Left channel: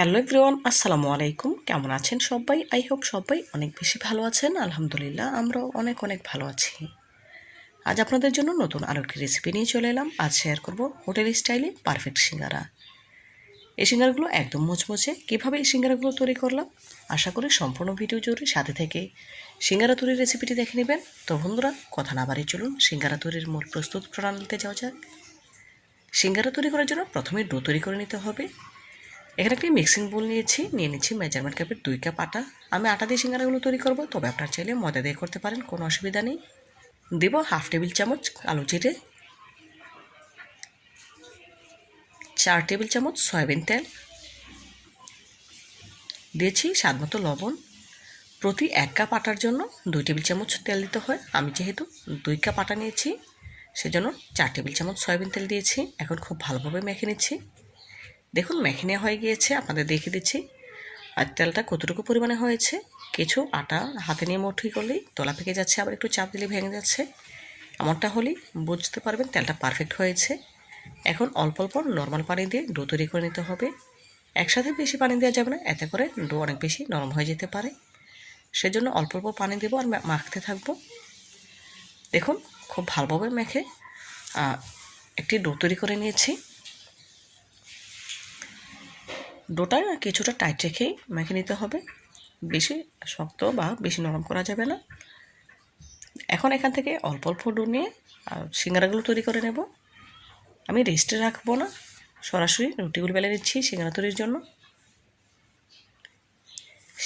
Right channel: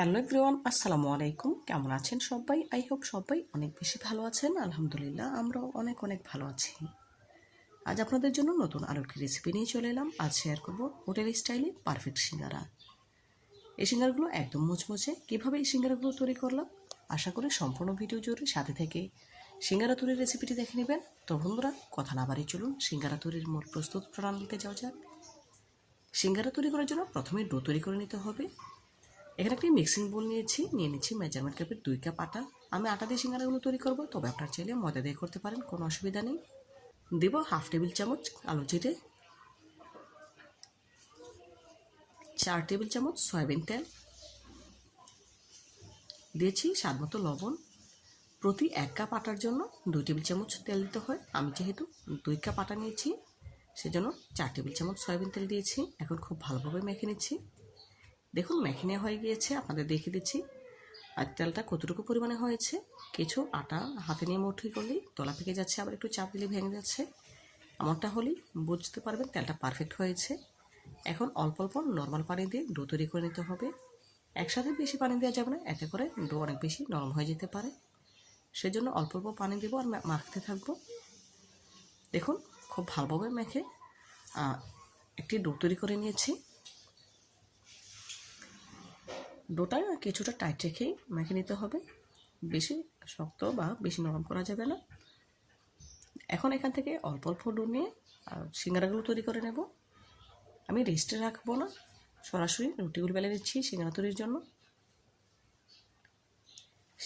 Hello everyone, আসসালামু আলাইকুম। কেমন আছেন সবাই? আই হোপ সবাই অনেক বেশি ভালো আছেন। আলহামদুলিল্লাহ আমরাও অনেক অনেক ভালো আছি। আজ আপনাদের জন্য নতুন আরও একটি রেসিপি নিয়ে চলে এলাম। আজ শেয়ার করব হোটেল স্টাইলে পারফেক্ট সিঙ্গারা। এই সিঙ্গারাগুলো একদম মুচমুচে। কীভাবে এই সিঙ্গারাগুলো তৈরি করলাম আশা করি সম্পূর্ণ ভিডিও জুড়ে সাথে থেকে সিঙ্গারা তৈরির রেসিপিটি দেখে নেবেন। তো বন্ধুরা, কথা না বাড়িয়ে চলুন সিঙ্গারা তৈরির মূল প্রস্তুত প্রণালীতে যাওয়া যাক। সিঙ্গারা তৈরি করার জন্য প্রথমে ডো তৈরি করে নিতে হবে। এখানে একটি মিক্সিং বোল নিয়ে নিচ্ছি মেজারমেন্ট কাপের 2 কাপ আটা। আমি আটা দিয়ে সিঙ্গারাগুলো তৈরি করব, তবে আপনারা চাইলে ময়দা দিয়ে করতে পারেন, কোনো অসুবিধা নেই। দেব হাফ টেবিল চামচ কালো জিরে, 4 টেবিল চামচ সয়াবিন তেল, দিয়েছি স্বাদ মতো লবণ। প্রতি 1 কাপ আটার জন্য 2 টেবিল চামচ তেল দিতে হয়। আমি যেহেতু 2 কাপ আটা নিয়েছি সেজন্য 4 টেবিল চামচ সয়াবিন তেল দিয়েছি। এখন খুব ভালোভাবে মেখে নিচ্ছি। দেখুন মেখে নেওয়া হয়ে গিয়েছে, আপনাদের দেখে দিচ্ছি আর তেলটা কতটুকু পরিমাণে হয়েছে। কিছু আটা হাতে নিয়ে মুঠি করলেই তলা পেকে যাচ্ছে, আবার একটু চাপ দিলে ভেঙে যাচ্ছে। এমনটা হলেই বুঝতে পারবেন তেলটা পারফেক্ট হয়েছে। এখন অল্প অল্প নর্মাল পানি দিয়ে ডো তৈরি করে নিতে হবে। একসাথে বেশি পানি দেওয়া যাবে না, এতে করে ডো অনেক বেশি নরম হয়ে যেতে পারে। সেজন্য অল্প অল্প পানি দেবো আর মাখতে থাকবো। দেখুন খুব ভালোভাবে মেখে একটি ডো তৈরি করে নিয়েছি। ডোটা কিছুটা টাইট রেখে মেখে নিতে হবে, বেশি শক্ত বা বেশি নরম করা যাবে না। এখন এখান থেকে অল্প অল্প ডো নিয়ে সিঙ্গারাগুলো তৈরি করে নেব। আমি রেস্টে রাখবো না, সরাসরি রুটিগুলো বেলে নিচ্ছি সিঙ্গারা তৈরির জন্য।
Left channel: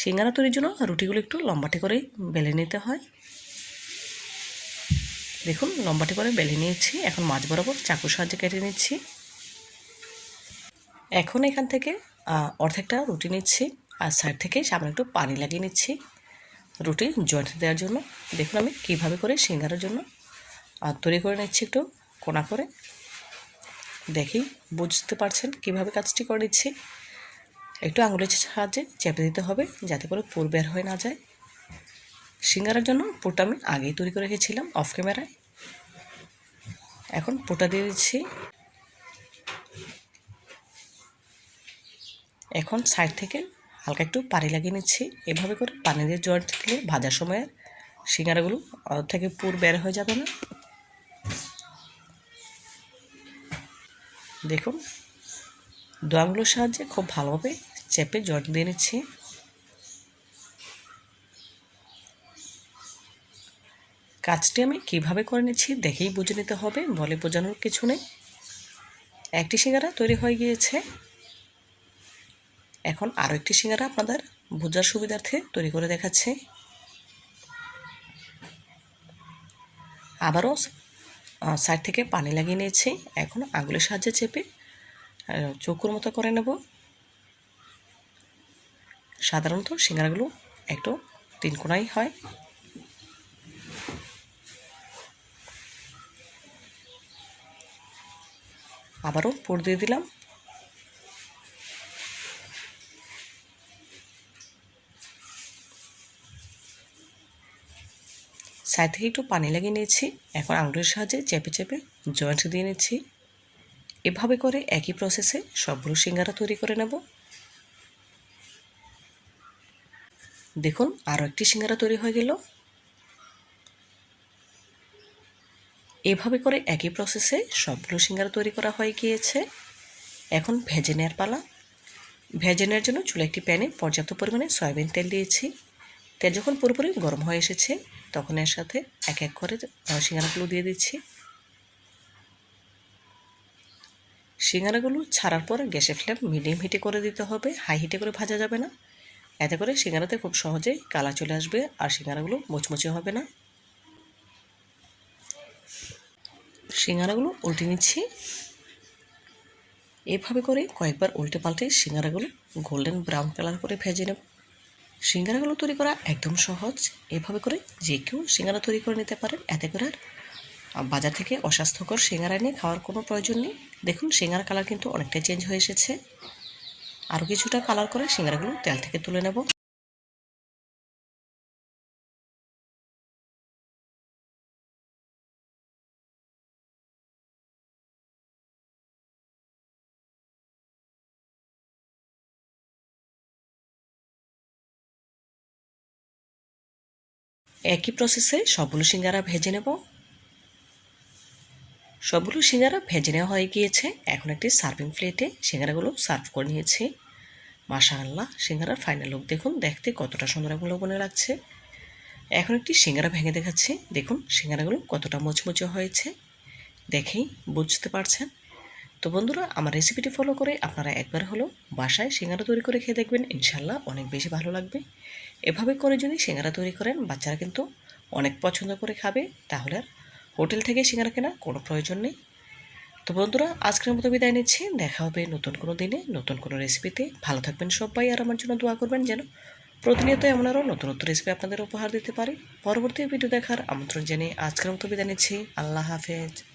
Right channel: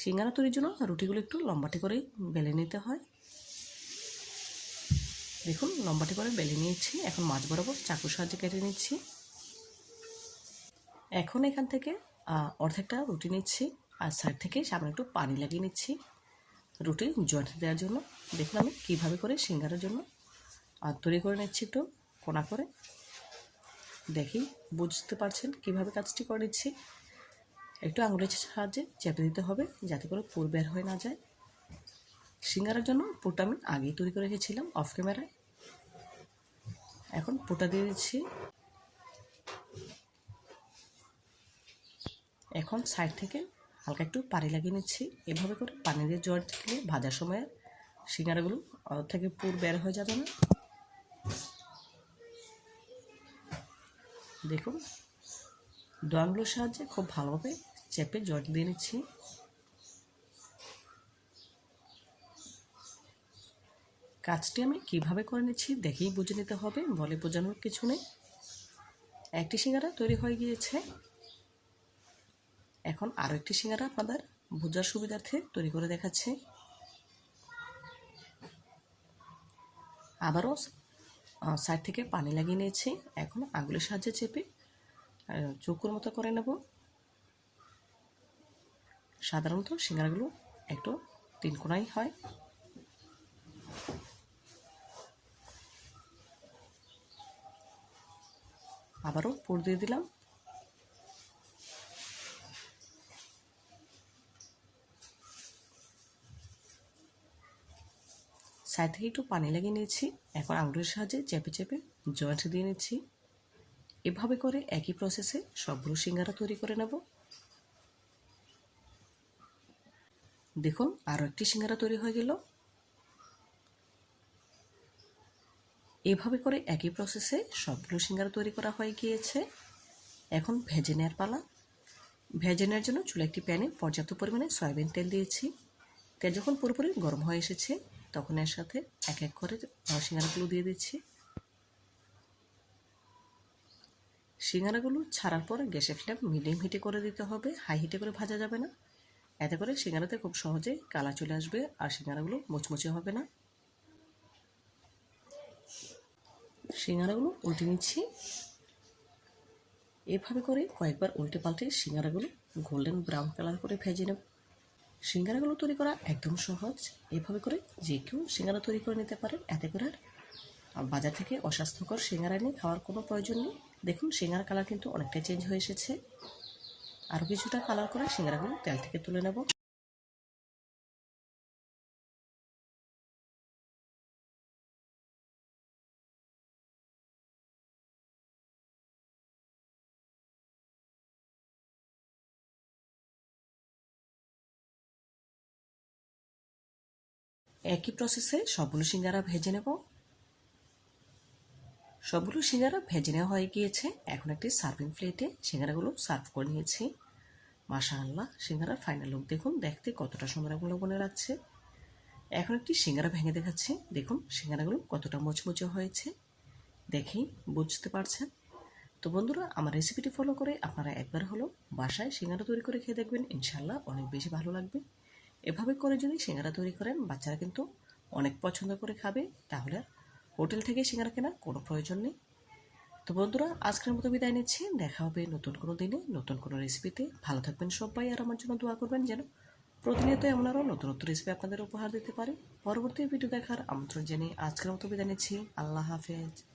সিঙ্গারা তৈরির জন্য রুটিগুলো একটু লম্বাটে করে বেলে নিতে হয়। দেখুন লম্বাটে করে বেলে নিয়েছি। এখন মাঝ বরাবর চাকুর সাহায্যে কেটে নিচ্ছি। এখন এখান থেকে অর্ধেকটা রুটি নিচ্ছি আর সাইড থেকে সামনে একটু পানি লাগিয়ে নিচ্ছি রুটি জয়েন্ট দেওয়ার জন্য। দেখুন আমি কীভাবে করে সিঙ্গারার জন্য তৈরি করে নিচ্ছি, একটু কোনা করে। দেখি বুঝতে পারছেন কিভাবে কাজটি করে নিচ্ছি। একটু আঙুলের সাহায্যে চেপে দিতে হবে যাতে করে পুর বের হয়ে না যায়। সিঙ্গারার জন্য পুরটা আমি আগেই তৈরি করে রেখেছিলাম অফ ক্যামেরায়। এখন পুরটা দিয়ে দিচ্ছি। এখন সাইড থেকে হালকা একটু পানি লাগিয়ে নিচ্ছি। এভাবে করে পানি দিয়ে জয়েন্ট দিলে ভাজার সময় সিঙ্গারাগুলো থেকে পুর বের হয়ে যাবে না। দেখুন দু আঙুলের সাহায্যে খুব ভালোভাবে চেপে জয়েন্ট দিয়ে নিচ্ছি। কাজটি আমি কিভাবে করে নিচ্ছি দেখেই বুঝে নিতে হবে, বলে বোঝানোর কিছু নেই। একটি সিঙ্গারা তৈরি হয়ে গিয়েছে। এখন আরও একটি সিঙ্গারা আপনাদের বোঝার সুবিধার্থে তৈরি করে দেখাচ্ছি। আবারও সাইড থেকে পানি লাগিয়ে নিয়েছি। এখন আঙুলের সাহায্যে চেপে চৌকোর মতো করে নেব। সাধারণত সিঙ্গারাগুলো একটু তিন কোণাই হয়। আবারও পুর দিয়ে দিলাম। সাইড থেকে একটু পানি লাগিয়ে নিয়েছি। এখন আঙুলের সাহায্যে চেপে চেপে জয়েন্ট দিয়ে নিচ্ছি। এভাবে করে একই প্রসেসে সবগুলো সিঙ্গারা তৈরি করে নেব। দেখুন আরও একটি সিঙ্গারা তৈরি হয়ে গেল। এভাবে করে একই প্রসেসে সবগুলো সিঙ্গারা তৈরি করা হয়ে গিয়েছে। এখন ভেজে নেওয়ার পালা। ভেজে নেওয়ার জন্য চুলা একটি প্যানে পর্যাপ্ত পরিমাণে সয়াবিন তেল দিয়েছি। তেল যখন পুরোপুরি গরম হয়ে এসেছে তখন এর সাথে এক এক করে সিঙ্গারাগুলো দিয়ে দিচ্ছি। সিঙ্গারাগুলো ছাড়ার পর গ্যাসের ফ্লেম মিডিয়াম হিটে করে দিতে হবে, হাই হিটে করে ভাজা যাবে না। এতে করে সিঙ্গারাতে খুব সহজেই কালার চলে আসবে আর সিঙ্গারাগুলো মুচমুচে হবে না। সিঙ্গারাগুলো উল্টে নিচ্ছি। এভাবে করে কয়েকবার উল্টে পাল্টে সিঙ্গারাগুলো গোল্ডেন ব্রাউন কালার করে ভেজে নেব। সিঙ্গারাগুলো তৈরি করা একদম সহজ। এভাবে করে যে কেউ সিঙ্গারা তৈরি করে নিতে পারেন। এতে করে বাজার থেকে অস্বাস্থ্যকর সিঙ্গারা নিয়ে খাওয়ার কোনো প্রয়োজন নেই। দেখুন সিঙ্গারা কালার কিন্তু অনেকটাই চেঞ্জ হয়ে এসেছে। আরও কিছুটা কালার করে সিঙ্গারাগুলো তেল থেকে তুলে নেব। একই প্রসেসে সবগুলো সিঙ্গারা ভেজে নেব। সবগুলো সিঙ্গারা ভেজে নেওয়া হয়ে গিয়েছে। এখন একটি সার্ভিং প্লেটে সিঙ্গারাগুলো সার্ভ করে নিয়েছি। মাশাআল্লাহ, সিঙ্গারার ফাইনাল লুক দেখুন, দেখতে কতটা সুন্দর এবং লোভনীয় লাগছে। এখন একটি সিঙ্গারা ভেঙে দেখাচ্ছি। দেখুন সিঙ্গারাগুলো কতটা মুচমুচে হয়েছে, দেখেই বুঝতে পারছেন। তো বন্ধুরা, আমার রেসিপিটি ফলো করে আপনারা একবার হলো বাসায় সিঙ্গারা তৈরি করে খেয়ে দেখবেন, ইনশাল্লাহ অনেক বেশি ভালো লাগবে। এভাবে করে যদি সিঙ্গারা তৈরি করেন, বাচ্চারা কিন্তু অনেক পছন্দ করে খাবে। তাহলে আর হোটেল থেকে সিঙ্গারা কেনার কোনো প্রয়োজন নেই। তো বন্ধুরা, আজকের মতো বিদায় নিচ্ছি। দেখা হবে নতুন কোনো দিনে নতুন কোনো রেসিপিতে। ভালো থাকবেন সবাই, আর আমার জন্য দোয়া করবেন যেন প্রতিনিয়ত এমন আরও নতুন নতুন রেসিপি আপনাদের উপহার দিতে পারি। পরবর্তী ভিডিও দেখার আমন্ত্রণ জানিয়ে আজকের মতো বিদায় নিচ্ছি। আল্লাহ হাফেজ।